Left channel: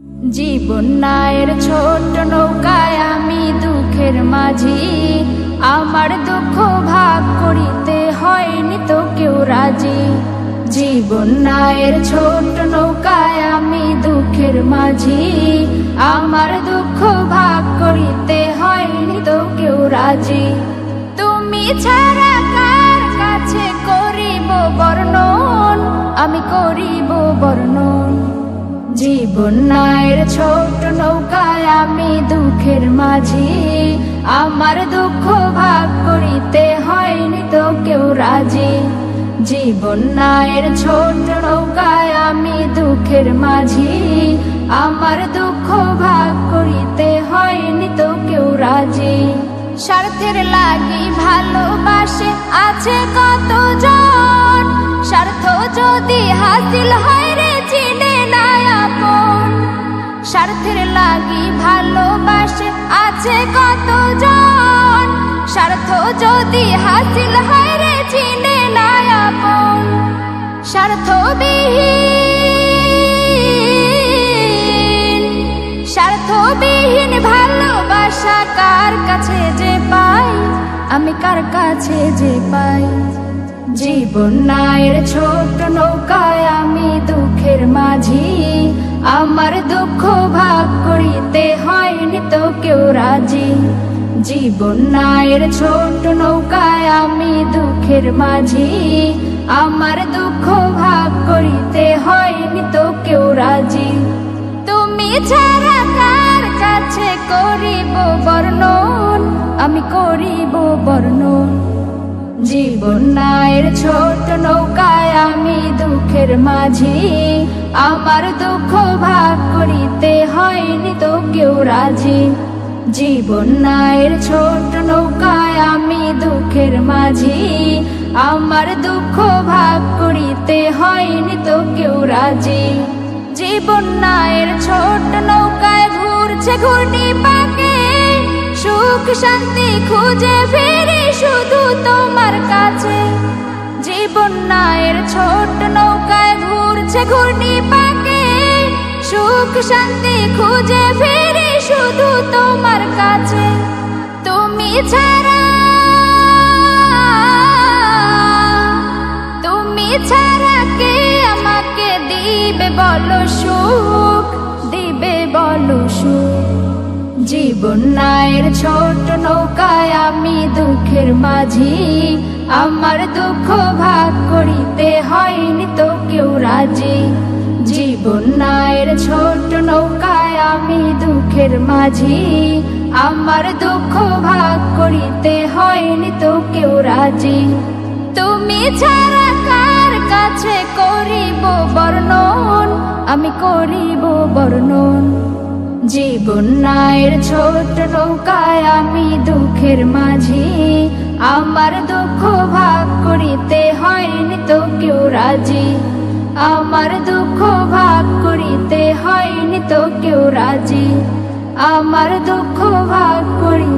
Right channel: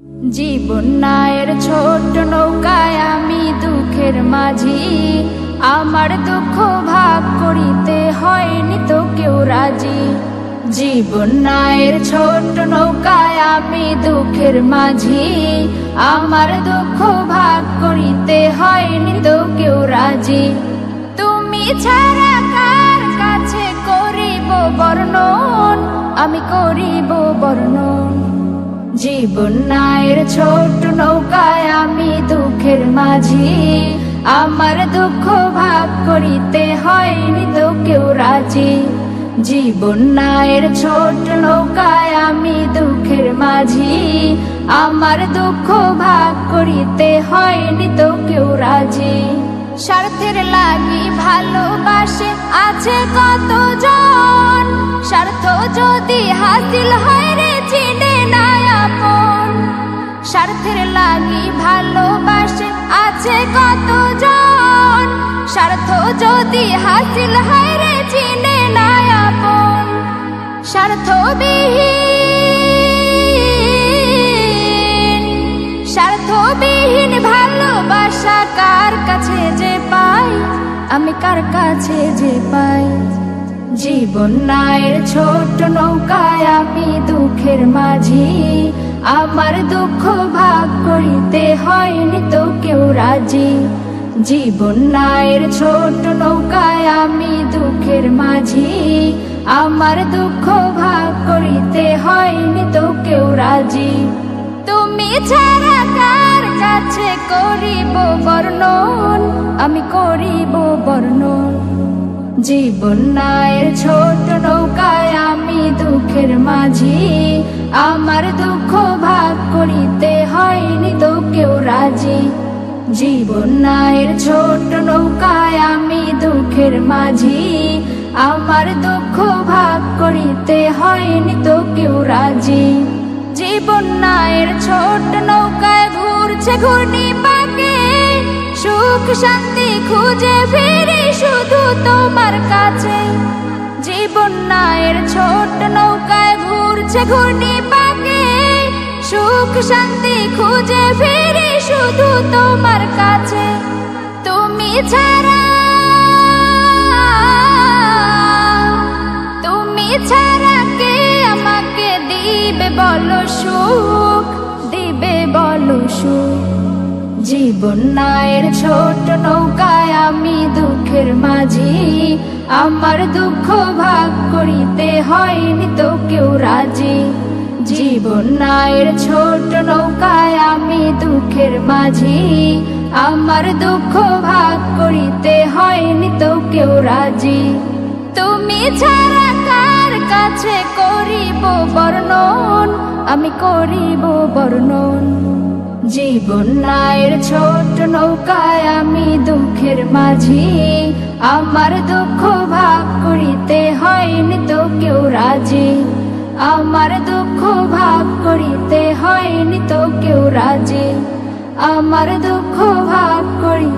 জীবন নায়ের ছোট নৌকায় আমি দুঃখের মাঝি, আমার দুঃখ ভাগ করিতে হয়নি তো কেউ রাজি। জীবন নায়ের ছোট নৌকায় আমি দুঃখের মাঝি, আমার দুঃখ ভাগ করিতে হয়নি তো কেউ রাজি। তুমি ছাড়া কার কাছে করিব বর্ণন, আমি করিব বর্ণন। জীবন নায়ের ছোট নৌকায় আমি দুঃখের মাঝি, আমার দুঃখ ভাগ করিতে হয়নি তো কেউ রাজি। জীবন নায়ের ছোট নৌকায় আমি দুঃখের মাঝি, আমার দুঃখ ভাগ করিতে হয়নি তো কেউ রাজি। স্বার্থের লাগি ভালোবাসে আছে কতজন, স্বার্থ যদি হাসিল হয় রে চিনে না আপন। স্বার্থের লাগি ভালোবাসে আছে কতজন, স্বার্থ যদি হাসিল হয় রে চিনে না আপন। স্বার্থবিহীন ভালোবাসা কার কাছে যে পাই, আমি কার কাছে যে পাই। জীবন নায়ের ছোট নৌকায় আমি দুঃখের মাঝি, আমার দুঃখ ভাগ করিতে হয়নি তো কেউ রাজি। জীবন নায়ের ছোট নৌকায় আমি দুঃখের মাঝি, আমার দুঃখ ভাগ করিতে হয়নি তো কেউ রাজি। তুমি ছাড়া কার কাছে করিব বর্ণন, আমি করিব বর্ণন। জীবন নায়ের ছোট নৌকায় আমি দুঃখের মাঝি, আমার দুঃখ ভাগ করিতে হয়নি তো কেউ রাজি। জীবন নায়ের ছোট নৌকায় আমি দুঃখের মাঝি, আমার দুঃখ ভাগ করিতে হয়নি তো কেউ রাজি। জীবন নায়ের ছোট নৌকায় ঘুরছে ঘূর্ণি পাকে, সুখ শান্তি খুঁজে ফিরি শুধু তোমার কাছে। জীবন নায়ের ছোট নৌকায় ঘুরছে ঘূর্ণি পাকে, সুখ শান্তি খুঁজে ফিরি শুধু তোমার কাছে। তুমি ছাড়া কে আমাকে দিবে বলো সুখ, দিবে বলো সুখ। জীবন নায়ের ছোট নৌকায় আমি দুঃখের মাঝি, আমার দুঃখ ভাগ করিতে হয়নি তো কেউ রাজি। জীবন নায়ের ছোট নৌকায় আমি দুঃখের মাঝি, আমার দুঃখ ভাগ করিতে হয়নি তো কেউ রাজি। তুমি ছাড়া কার কাছে করিব বর্ণন, আমি করিব বর্ণন। জীবন নায়ের ছোট নৌকায় আমি দুঃখের মাঝি, আমার দুঃখ ভাগ করিতে হয়নি তো কেউ রাজি। আমার দুঃখ ভাগ করিতে হয়নি তো কেউ রাজি, আমার দুঃখ ভাগ করি